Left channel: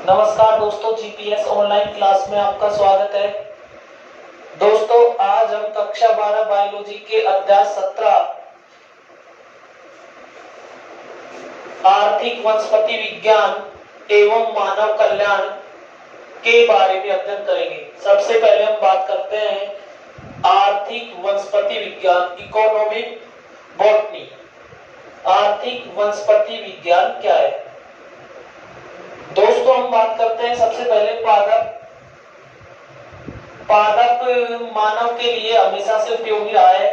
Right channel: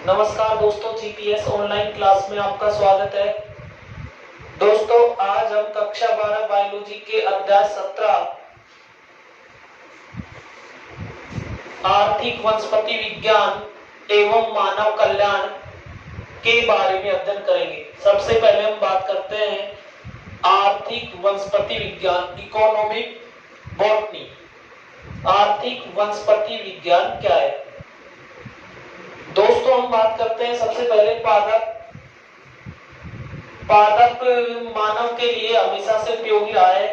नमस्कार दोस्तों, GPS online class में आपका स्वागत है। दोस्तों, आज हम कक्षा 12 बायोलॉजी के अध्याय 17 आर्थिक वनस्पति विज्ञान एवं मानव कल्याण के बारे में अध्ययन करेंगे। सबसे पहले हम बात करते हैं आर्थिक वनस्पति विज्ञान, इकोनॉमिक बॉटनी। आर्थिक वनस्पति विज्ञान क्या है? दोस्तों, हम बात करते हैं सबसे पहले पादप। पादप मानव के लिए हमेशा से उपयोगी रहा है।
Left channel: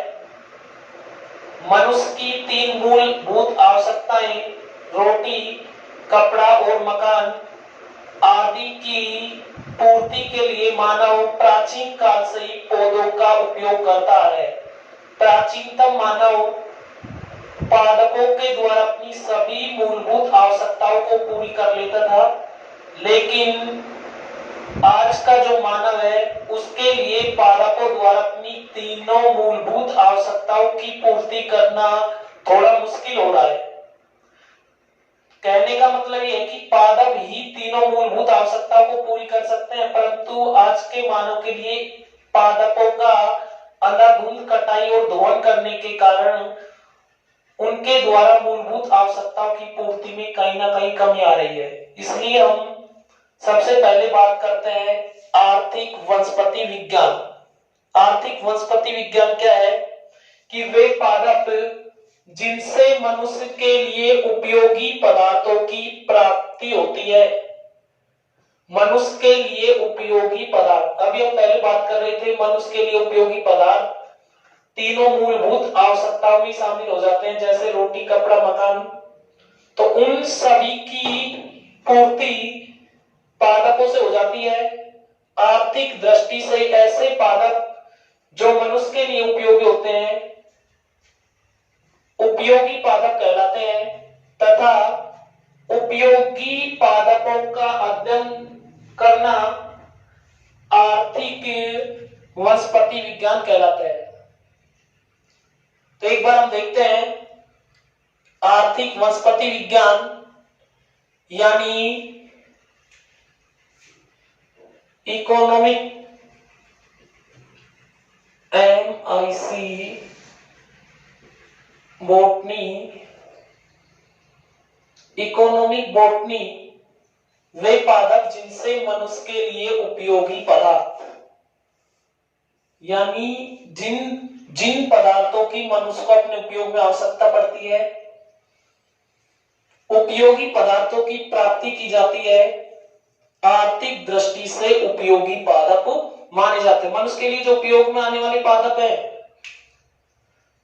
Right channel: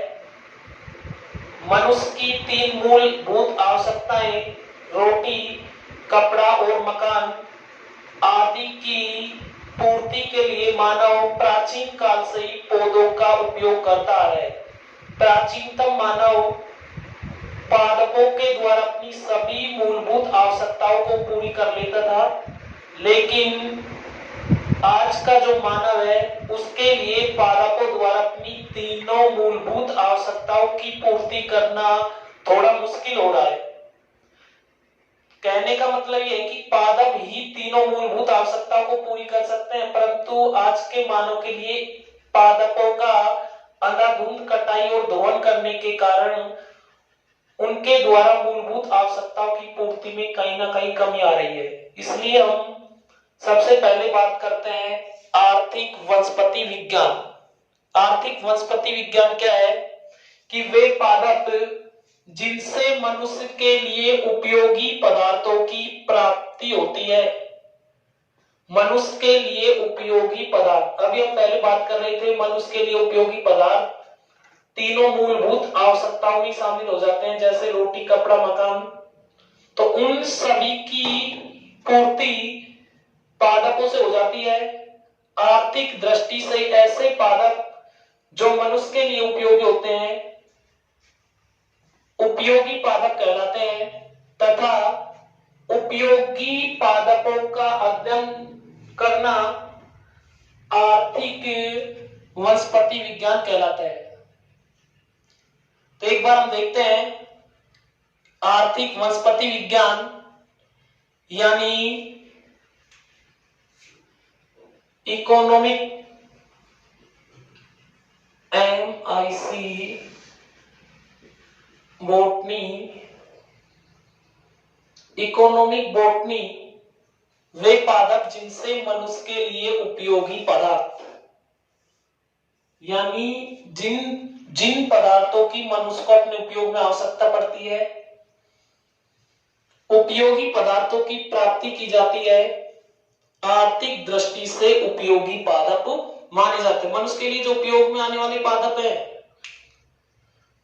मनुष्य की 3 मूलभूत आवश्यकताएं रोटी, कपड़ा और मकान आदि की पूर्ति के लिए मानव प्राचीन काल से ही पौधों का उपयोग करता है। प्राचीनतम मानव पादपों के द्वारा अपनी सभी मूलभूत आवश्यकताओं को पूरी कर लेता था, लेकिन आज का जो मानव है उसके लिए पादपों द्वारा अपनी तीनों मूलभूत आवश्यकताओं की पूर्ति करना थोड़ा मुश्किल हो रहा है। कहने का मतलब यह है कि पादप ही तीनों मूलभूत आवश्यकताओं को पूरी कर सकते हैं, परंतु आज के मानव के लिए पादपों का अंधाधुंध कटाई और दोहन करने के कारण उनके द्वारा मूलभूत आवश्यकताओं की पूर्ति में कहीं ना कहीं कमी आ रही है। इसलिए हम सबसे पहले बात करते हैं आर्थिक वनस्पति विज्ञान। आर्थिक वनस्पति विज्ञान क्या है? कि वे पादप जिनसे मनुष्य के लिए उपयोगी पदार्थों की प्राप्ति होती है। मनुष्य के लिए उपयोगी पदार्थ, अभी हम पहले बात कर रहे थे मनुष्य के लिए उपयोगी पदार्थ तीनों मूलभूत आवश्यकताओं में शामिल हो जाते हैं, जैसे रोटी, कपड़ा, मकान। तो उन सभी की पूर्ति पादपों से हो जाती है। आर्थिक दृष्टि से ऐसे पादप जो मनुष्य के लिए उपयोगी होते हैं उपयोगी पादप कहलाते हैं, तथा उपयोगी पादपों का अध्ययन करना आर्थिक वनस्पति विज्ञान कहलाता है। तो एक बार हम देखते हैं आर्थिक वनस्पति विज्ञान यानी economic MIC botany. Economic botany वे पादप जिनसे मनुष्य के लिए उपयोगी पदार्थ यानी जिन पदार्थों की मनुष्य को अपने उपयोग में आवश्यकता पड़ती है, उपयोगी पदार्थों की प्राप्ति की जाती है, आर्थिक दृष्टि से उपयोगी पादप माने जाते हैं। मनुष्य के लिए जो उपयोग में आने वाले पादप है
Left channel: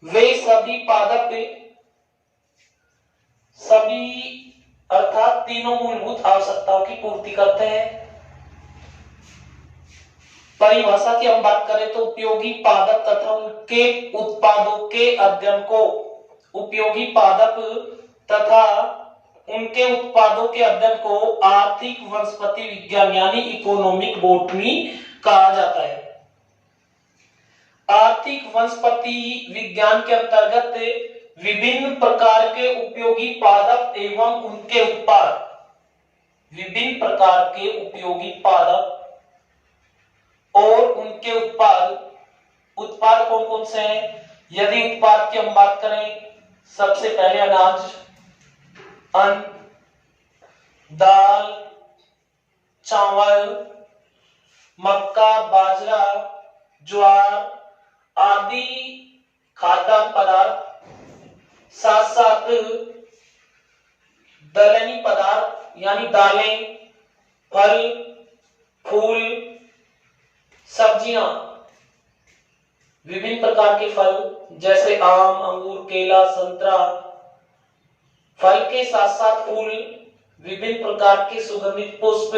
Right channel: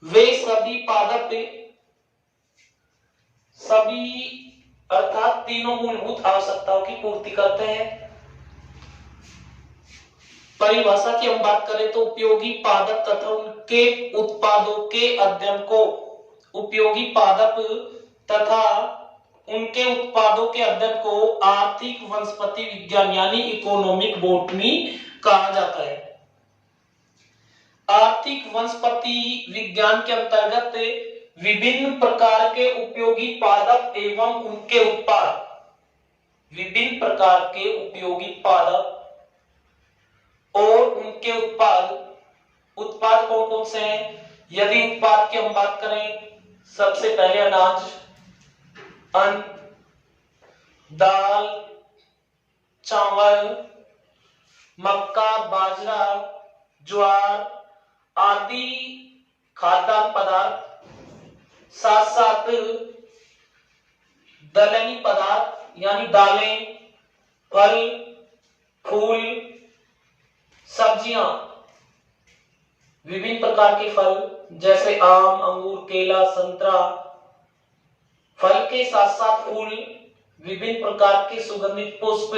वे सभी पादप अर्थात तीनों मूलभूत आवश्यकताओं की पूर्ति करते हैं। परिभाषा की हम बात करें तो उपयोगी पादप तथा उनके उत्पादों के अध्ययन को उपयोगी पादप तथा उनके उत्पादों के अध्ययन को आर्थिक वनस्पति विज्ञान यानी इकोनॉमिक बॉटनी कहा जाता है। आर्थिक वनस्पति विज्ञान के अंतर्गत विभिन्न प्रकार के उपयोगी पादप एवं उनके उत्पाद, विभिन्न प्रकार के उपयोगी पादप और उनके उत्पाद कौन कौन से हैं? यदि उत्पाद की हम बात करें, सबसे पहले अनाज, अन्न, दाल, चावल, मक्का, बाजरा, ज्वार आदि खाद्य पदार्थ, साथ साथ दलहनी पदार्थ यानी दालें, फल, फूल, सब्जियां, विभिन्न प्रकार के फल जैसे आम, अंगूर, केला, संतरा, फल के साथ साथ फूल, विभिन्न प्रकार के सुगंधित पुष्प,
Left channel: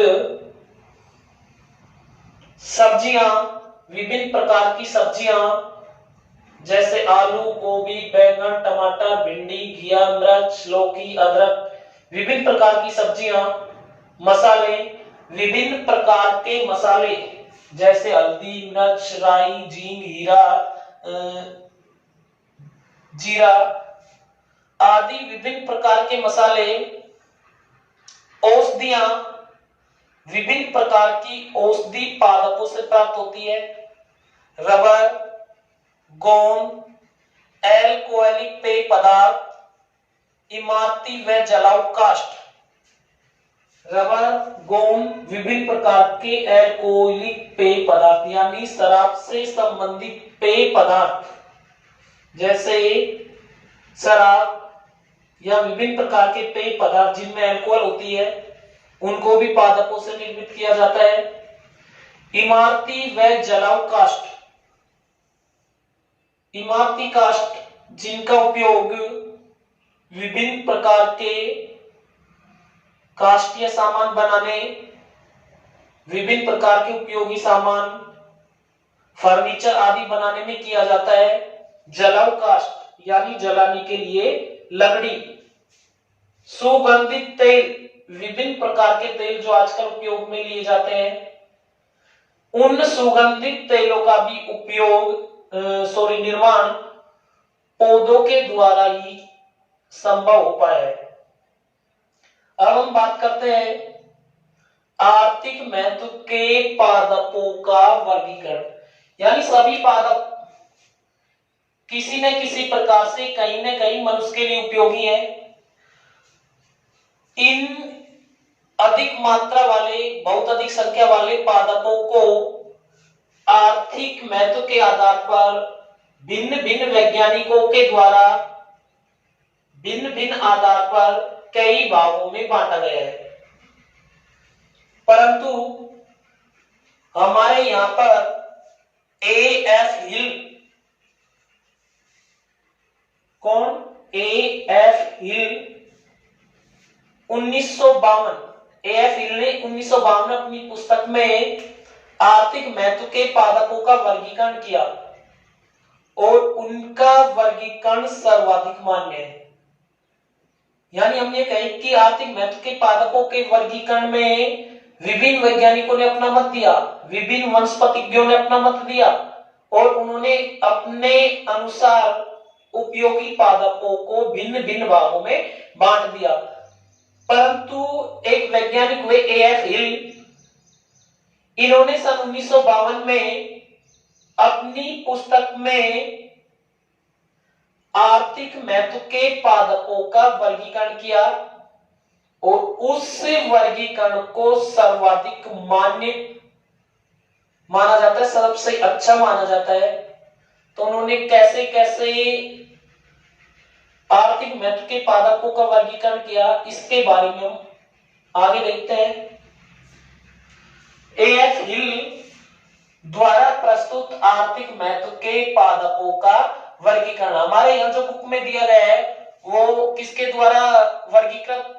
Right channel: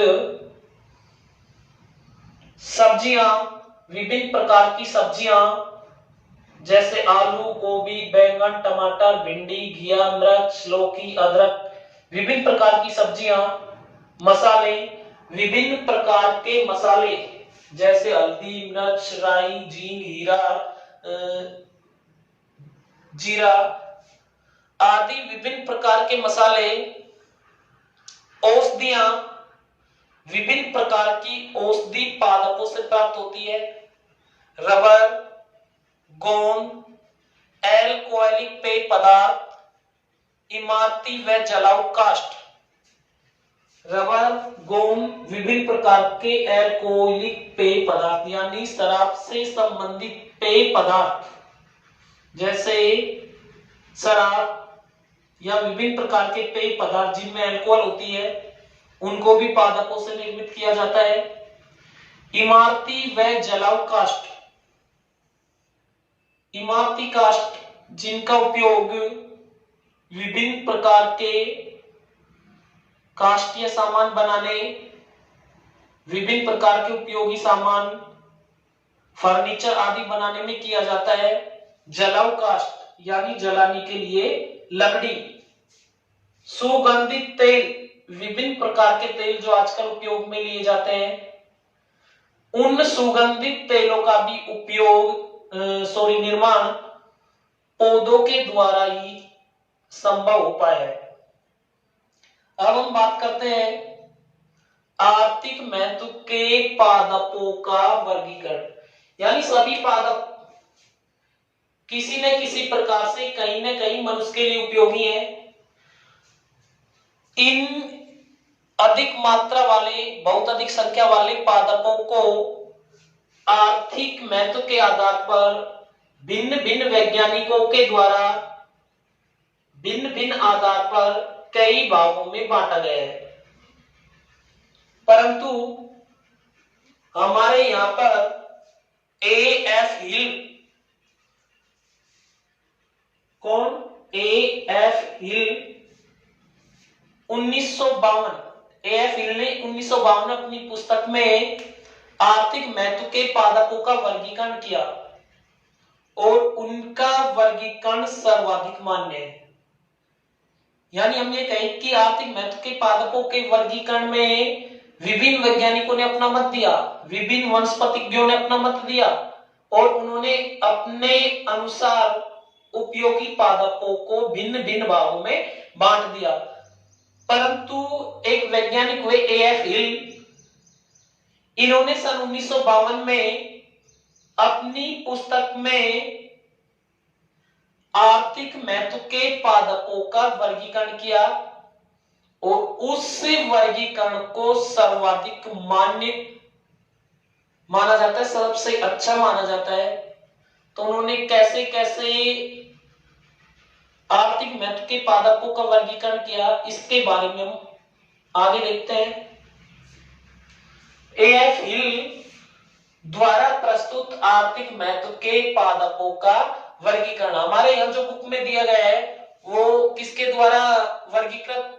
सब्जियां, विभिन्न प्रकार की सब्जियां जैसे आलू, गोभी, बैंगन, टमाटर, भिंडी, घिया, मिर्च, लौकी, अदरक, विभिन्न प्रकार की सब्जियां, मसाले, विभिन्न प्रकार के मसाले जैसे हल्दी, मिर्च, राई, जींग, जीरा आदि विभिन्न प्रकार के मसाले, औषधियां विभिन्न प्रकार की औषधि पादपों से प्राप्त होती है। रबर, गोंद, एल्कोहलिक पेय पदार्थ, इमारती व जलाऊ काष्ठ। रबर, गोंद, विभिन्न प्रकार के एल्कोहलिक पेय पदार्थ यानी शराब से संबंधित पेय पदार्थ, जैसे शराब या विभिन्न प्रकार के पेय पदार्थ जिनमें अल्कोहल होती है, उनको भी पादपों से निर्मित किया जाता है। इमारती व जलाऊ काष्ठ, इमारती काष्ठ जिनका उपयोग विभिन्न प्रकार के काष्ठीय सामान बनाने, विभिन्न प्रकार के उपयोगी सामान, फर्नीचर आदि बनाने में किया जाता है। जलाऊ काष्ठ यानी जलाने के लिए लकड़ी। सुगंधित तेल, विभिन्न प्रकार के तेल जो आजकल उपयोग में लिए जाते हैं, उन सुगंधित तेलों का भी उपयोग निर्माण पौधों के द्वारा ही संभव हो पाया है। अब हम बात करते हैं आर्थिक महत्व के पादपों का वर्गीकरण, यानी सभी पादप किसी न किसी प्रकार से कहीं न कहीं मनुष्य के लिए उपयोगी है। इन अधिक मात्रा वाले, बहुत अधिक संख्या वाले पादपों को आर्थिक महत्व के आधार पर भिन्न भिन्न वैज्ञानिकों के द्वारा भिन्न भिन्न आधार पर कई भागों में बांटा गया है, परंतु हमारे यहां पर A.F. हिल, कौन? A.F. हिल 1952, A.F. हिल ने 1952 अपनी पुस्तक में आर्थिक महत्व के पादपों का वर्गीकरण किया और उनका वर्गीकरण सर्वाधिक मान्य है। यानी हम ये कहें कि आर्थिक महत्व के पादपों के वर्गीकरण में विभिन्न वैज्ञानिकों ने अपना मत दिया, विभिन्न वनस्पतिज्ञों ने अपना मत दिया और उन्होंने अपने अनुसार उपयोगी पादपों को भिन्न भिन्न भागों में बांट दिया। परंतु एक वैज्ञानिक हुए A.F. हिल, इन्होंने सन 1952 में अपनी पुस्तक में आर्थिक महत्व के पादपों का वर्गीकरण किया और उस वर्गीकरण को सर्वाधिक मान्य माना जाता है, सबसे अच्छा माना जाता है। तो उन्होंने कैसे कैसे आर्थिक महत्व के पादपों का वर्गीकरण किया, इसके बारे में हम आगे देखते हैं। A.F. हिल द्वारा प्रस्तुत आर्थिक महत्व के पादपों का वर्गीकरण हमारे यहाँ जो बुक में दिया गया है वो किसके द्वारा वर्गीकृत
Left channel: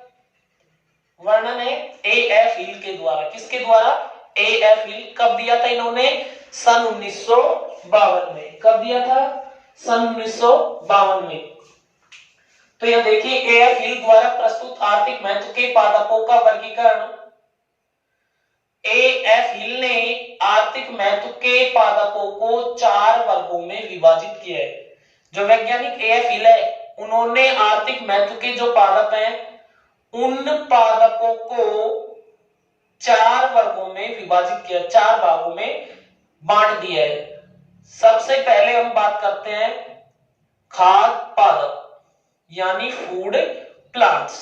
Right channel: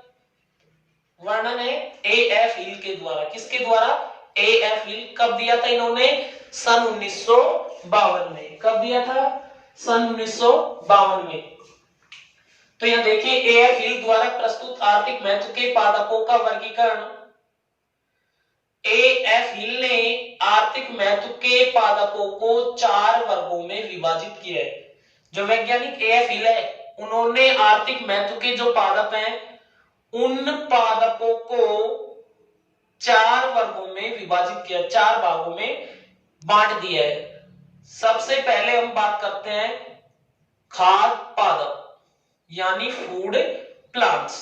वर्णन है? A.F. हिल के द्वारा। किसके द्वारा? A.F. हिल। कब दिया था इन्होंने? सन 1952 में। कब दिया था? सन 1952 में। तो यह देखिए A.F. हिल द्वारा प्रस्तुत आर्थिक महत्व के पादपों का वर्गीकरण। A.F. हिल ने आर्थिक महत्व के पादपों को 4 वर्गों में विभाजित किया है। जो वैज्ञानिक A.F. हिल है उन्होंने आर्थिक महत्व के जो पादप हैं उन पादपों को 4 वर्गों में विभाजित किया, 4 भागों में बांट दिया है। सबसे पहले हम बात करते हैं खाद्य पादप यानी फूड प्लांट्स।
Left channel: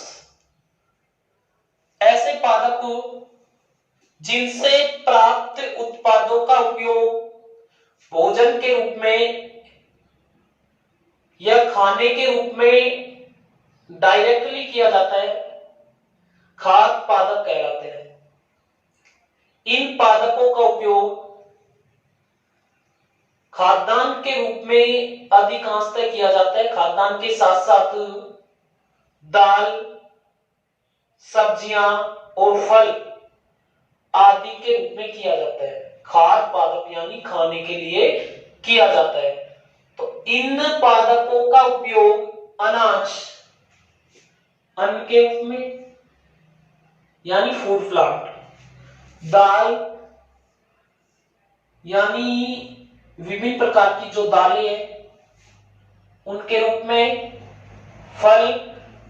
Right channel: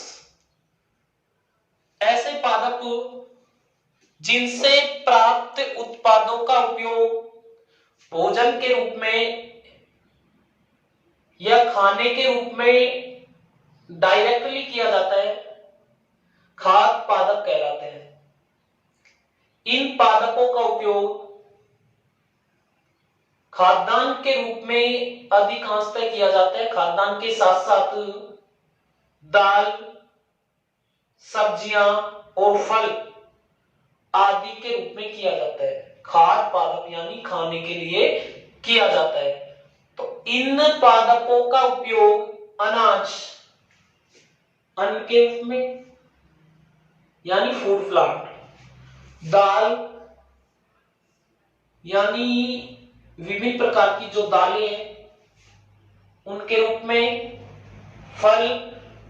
ऐसे पादप जिनसे प्राप्त उत्पादों का उपयोग भोजन के रूप में या खाने के रूप में डायरेक्टली किया जाता है, खाद्य पादप कहलाते हैं। इन पादपों का उपयोग खाद्यान्न के रूप में अधिकांशतः किया जाता है। खाद्यान्न के साथ साथ दाल, सब्जियां और फल आदि के रूप में किया जाता है। खाद्य पादप यानी खाने के लिए किया जाता है। तो इन पादपों का उपयोग अनाज, अन्न के रूप में यानी फूड प्लांट, दाल यानी विभिन्न प्रकार की जो दालें हैं उनके रूप में, फल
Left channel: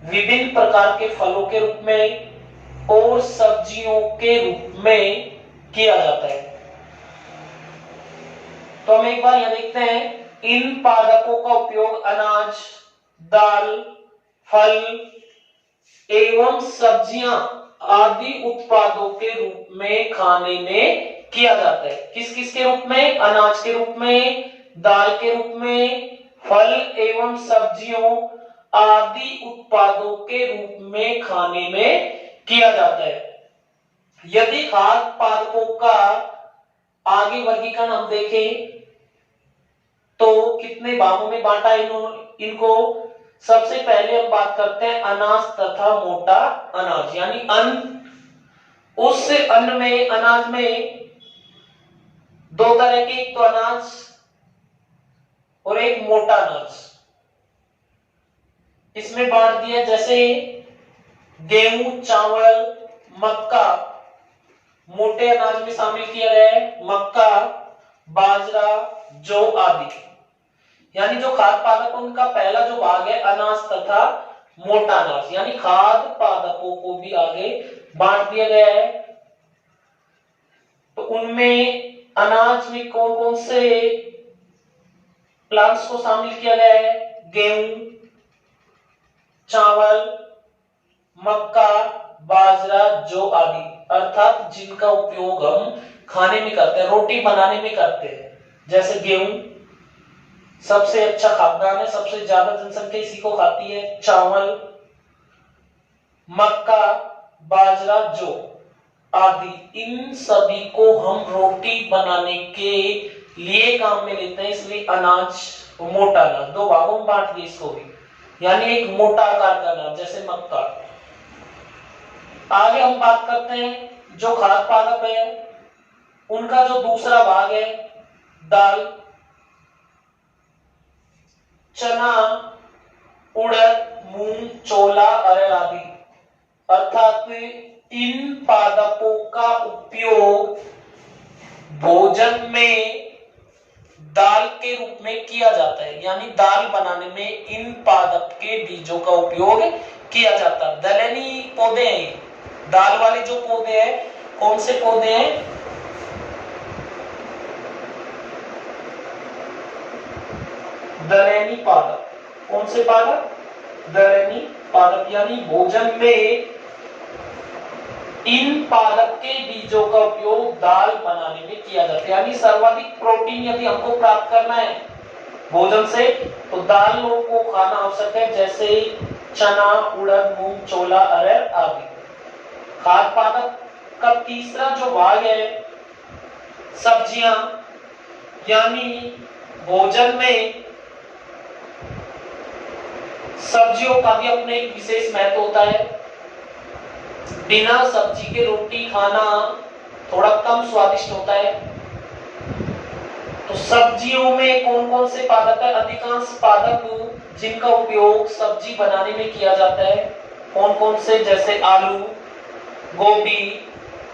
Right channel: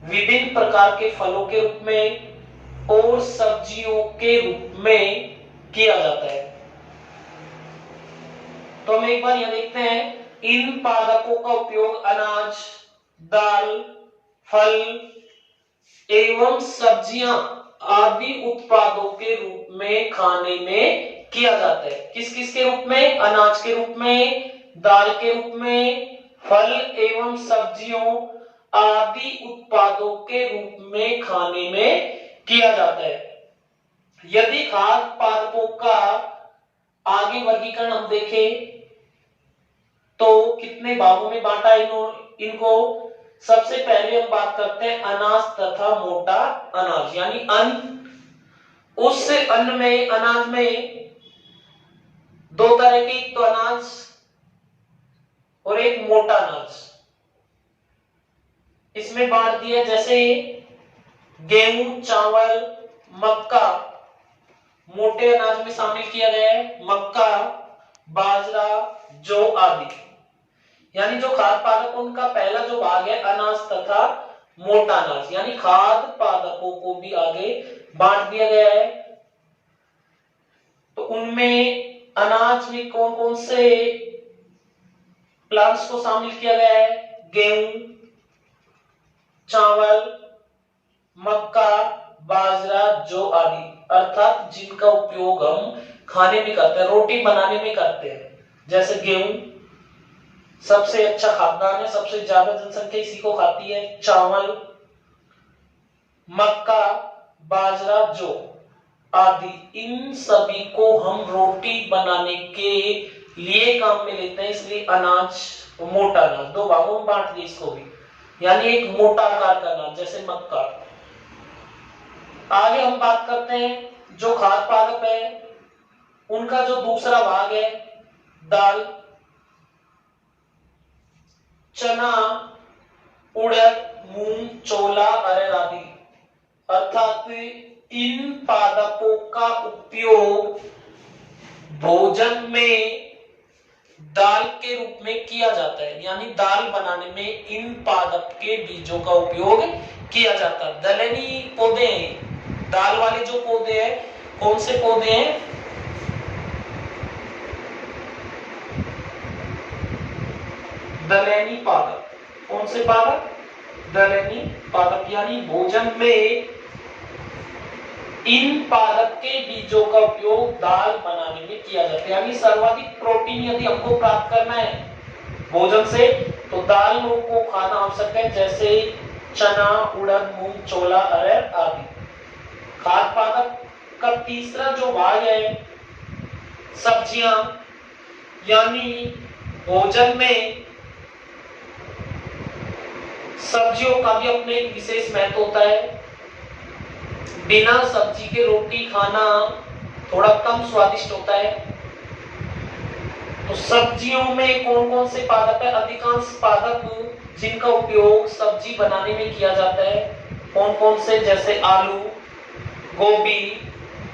विभिन्न प्रकार के फलों के रूप में और सब्जियों के रूप में किया जाता है। तो हम एक बार यह देखते हैं, इन पादपों का उपयोग अनाज, दाल, फल एवं सब्जियां आदि उत्पादों के रूप में खाने में किया जाता है। किस किस के रूप में? अनाज के रूप में, दाल के रूप में, फल एवं सब्जियों आदि उत्पादों के रूप में खाने में किया जाता है। यदि खाद्य पादपों का आगे वर्गीकरण हम देखें तो कितने भागों में बांटा इनको? सबसे पहले हम बात करते हैं अनाज तथा मोटा अनाज, यानी अन्न। उस अन्न में, अनाज में दो तरह के, एक तो अनाज और एक मोटा अनाज। इसमें बांट दिया, जैसे गेहूं, चावल, मक्का मोटे अनाज में शामिल किया गया है, मक्का, बाजरा, जौ आदि। यानी जो खाद्य पादप उनका पहला जो भाग है अनाज तथा मोटा अनाज, यानी खाद्य पादपों को भी आगे बांट दिया गया है। तो उनमें अनाज में कौन कौन से प्लांट्स को शामिल किया गया है? गेहूं, चावल, मक्का, बाजरा, जौ आदि, अर्थात जिनका उपयोग हम खाने में करते हैं, रोटी बनाने में करते हैं। जैसे गेहूं सबसे अच्छा खाद्यान्न है, सबसे ज्यादा जनसंख्या इसी को खाती है। चावल, मक्का, बाजरा, जौ आदि, इन सभी को हम रोटी बनाने के लिए काम में लेते हैं, इसलिए अनाज, मोटा अनाज, दो भागों में बांट दिए इसको भी, यानी एक मोटा आकार का अनाज जैसे मक्का। आगे हम बात करते हैं जो खाद्य पादप है उनका जो दूसरा भाग है दाल, चना, उड़द, मूंग, छोला, अरहर आदि, अर्थात इन पादपों का उपयोग भोजन में दाल के रूप में किया जाता है, यानी दाल बनाने में इन पादप के बीजों का उपयोग किया जाता है। दलहनी पौधे हैं, दाल वाले जो पौधे हैं, कौन से पौधे हैं? दलहनी पादप। कौन से पादप? दलहनी पादप, यानी भोजन में इन पादप के बीजों का उपयोग दाल बनाने में किया जाता है। यानी सर्वाधिक प्रोटीन यदि हमको प्राप्त करना है भोजन से तो दाल को खाना आवश्यक है, जैसे चना, उड़द, मूंग, छोला, अरहर आदि। खाद्य पादप का तीसरा जो भाग है सब्जियां, यानी भोजन में सब्जियों का भी अपने एक विशेष महत्व होता है। बिना सब्जी के रोटी खाना थोड़ा कम स्वादिष्ट होता है। तो सब्जियों में कौन कौन से पादप है? अधिकांश पादप जिनका उपयोग सब्जी बनाने में किया जाता है, कौन कौन से? जैसे आलू, गोभी,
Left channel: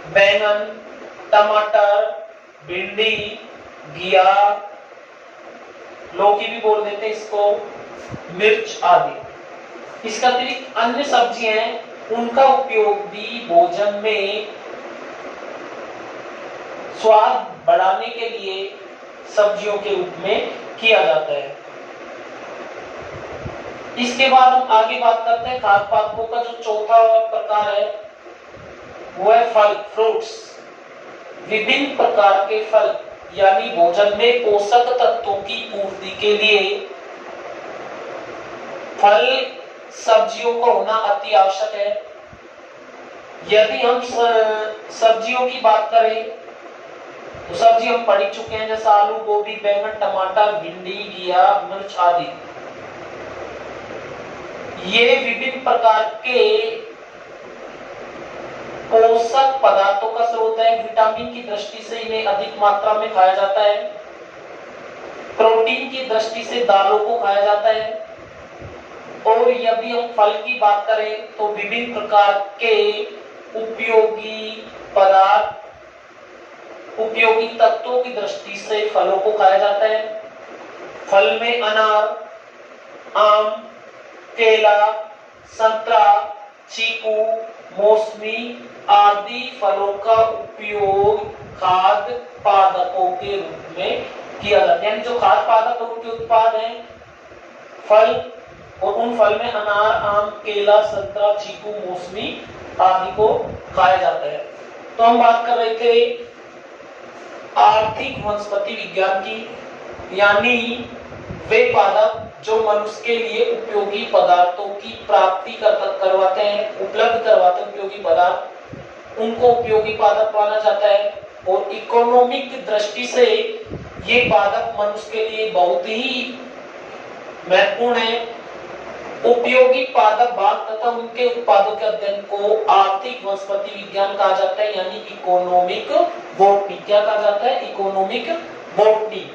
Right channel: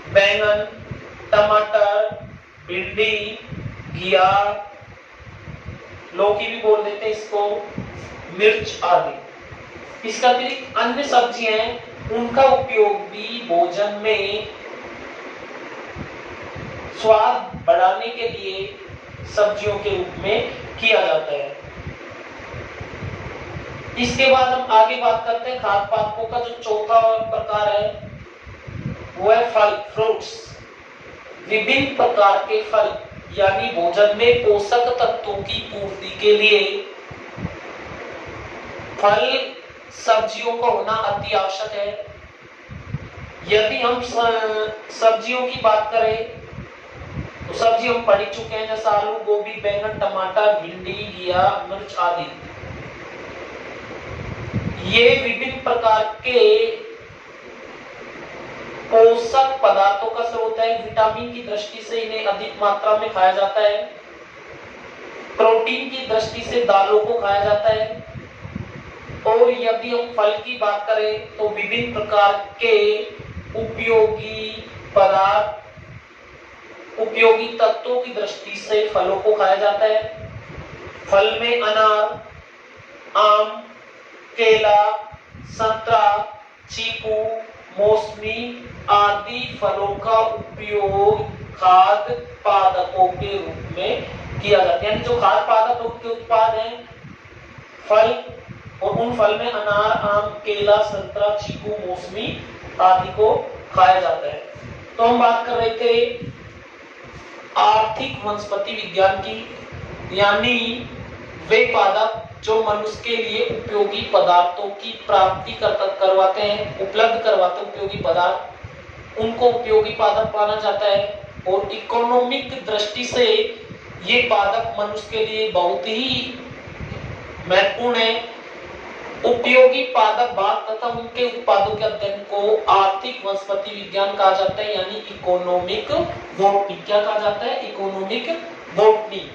बैंगन, टमाटर, भिंडी, घिया, लौकी भी बोल देते हैं इसको, मिर्च आदि। इसका अतिरिक्त अन्य सब्जियां हैं, उनका उपयोग भी भोजन में स्वाद बढ़ाने के लिए सब्जियों के रूप में किया जाता है। इसके बाद हम आगे बात करते हैं खाद्य पादपों का जो चौथा प्रकार है वो है फल, फ्रूट्स। विभिन्न प्रकार के फल, यानी भोजन में पोषक तत्वों की पूर्ति के लिए फल सब्जियों का होना अति आवश्यक है। यदि हम सब्जियों की बात करें तो सब्जी हम पढ़ चुके हैं, जैसे आलू, गोभी, बैंगन, टमाटर, भिंडी, घिया, मिर्च आदि। ये विभिन्न प्रकार के पोषक पदार्थों का स्रोत है। विटामिन की दृष्टि से इन्हें अधिक मात्रा में खाया जाता है। प्रोटीन की दृष्टि से दालों को खाया जाता है। और यदि हम फल की बात करें तो विभिन्न प्रकार के उपयोगी पदार्थ, उपयोगी तत्वों की दृष्टि से फलों को खाया जाता है। फल में अनार, आम, केला, संतरा, चीकू, मौसमी आदि फलों का उपयोग खाद्य पादपों के रूप में किया जाता है। यानी जो खाद्य पादपों के उत्पाद हैं, फल, और उन फल में अनार, आम, केला, संतरा, चीकू, मौसमी आदि को खाया जाता है। तो हम बात कर रहे थे आर्थिक वनस्पति विज्ञान की, यानी वे पादप जो मनुष्य के लिए उपयोगी पदार्थों की प्राप्ति करवाते हैं, उपलब्ध करवाते हैं उपयोगी पदार्थ, उनको उपयोगी पादप माना जाता है। और इकोनॉमिक दृष्टि से ये पादप मनुष्य के लिए बहुत ही महत्वपूर्ण है। उपयोगी पादप भाग तथा उनके उत्पादों के अध्ययन को आर्थिक वनस्पति विज्ञान कहा जाता है, यानी इकोनॉमिक बॉटनी। क्या कहा जाता है? Economic botany.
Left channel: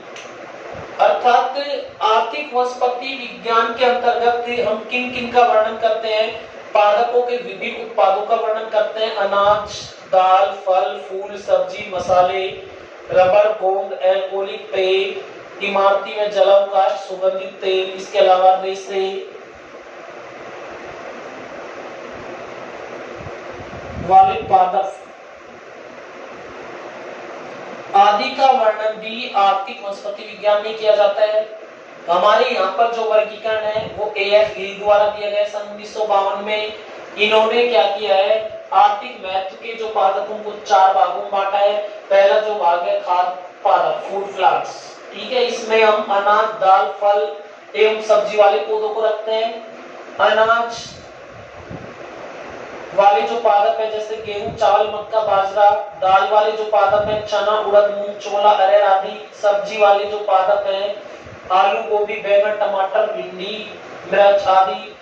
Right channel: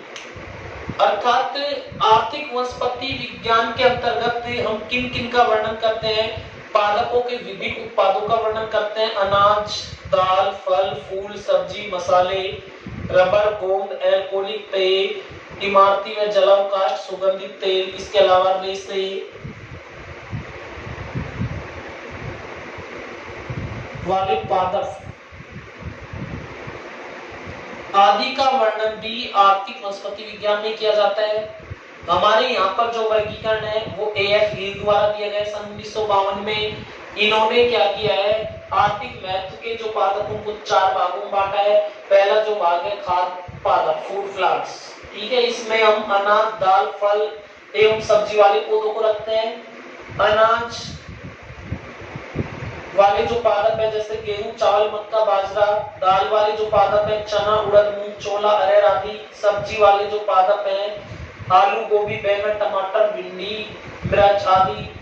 अर्थात आर्थिक वनस्पति विज्ञान के अंतर्गत हम किन किन का वर्णन करते हैं? पादपों के विभिन्न उत्पादों का वर्णन करते हैं। अनाज, दाल, फल, फूल, सब्जी, मसाले, रबर, गोंद, एल्कोहलिक तेल, इमारती व जलावकाश, सुगंधित तेल, इसके अलावा रेशे, वाले पादप आदि का वर्णन भी आर्थिक वनस्पति विज्ञान में किया जाता है। हमारे यहाँ पर जो वर्गीकरण है वो AF गिल द्वारा दिया गया सन 1952 में। इन्होंने क्या किया है? आर्थिक महत्व के जो पादपों को 4 भागों में बांटा है। पहला जो भाग है खाद्य पादप, फूड प्लांट्स, ठीक है। इसमें हम अनाज, दाल, फल एवं सब्जी वाले पौधों को रखते हैं। अनाज वाले जो पादप है जैसे गेहूं, चावल, मक्का, बाजरा। दाल वाले जो पादप है चना, उड़द, मूंग, छोला, अरहर आदि। सब्जी वाले जो पादप है आलू, गोभी, बैंगन, टमाटर, भिंडी, मिर्च आदि।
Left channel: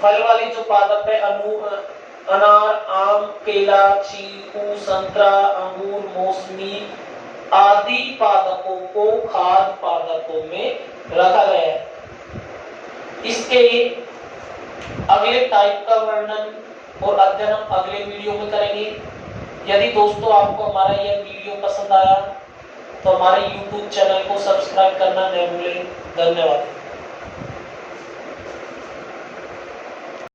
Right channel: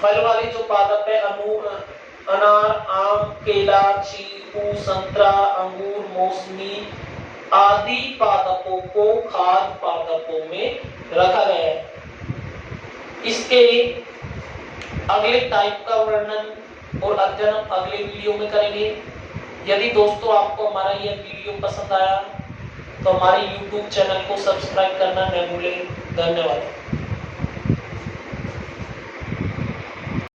फल वाले जो पादप है अनार, आम, केला, चीकू, संतरा, अंगूर, मौसमी आदि पादपों को खाद्य पादपों में रखा गया है। इसके अगले टाइप का वर्णन और अध्ययन हम अगले वीडियो में करेंगे। यदि दोस्तों आपको हमारा यह वीडियो पसंद आया तो हमारे YouTube चैनल को सब्सक्राइब करना न भूलें। धन्यवाद।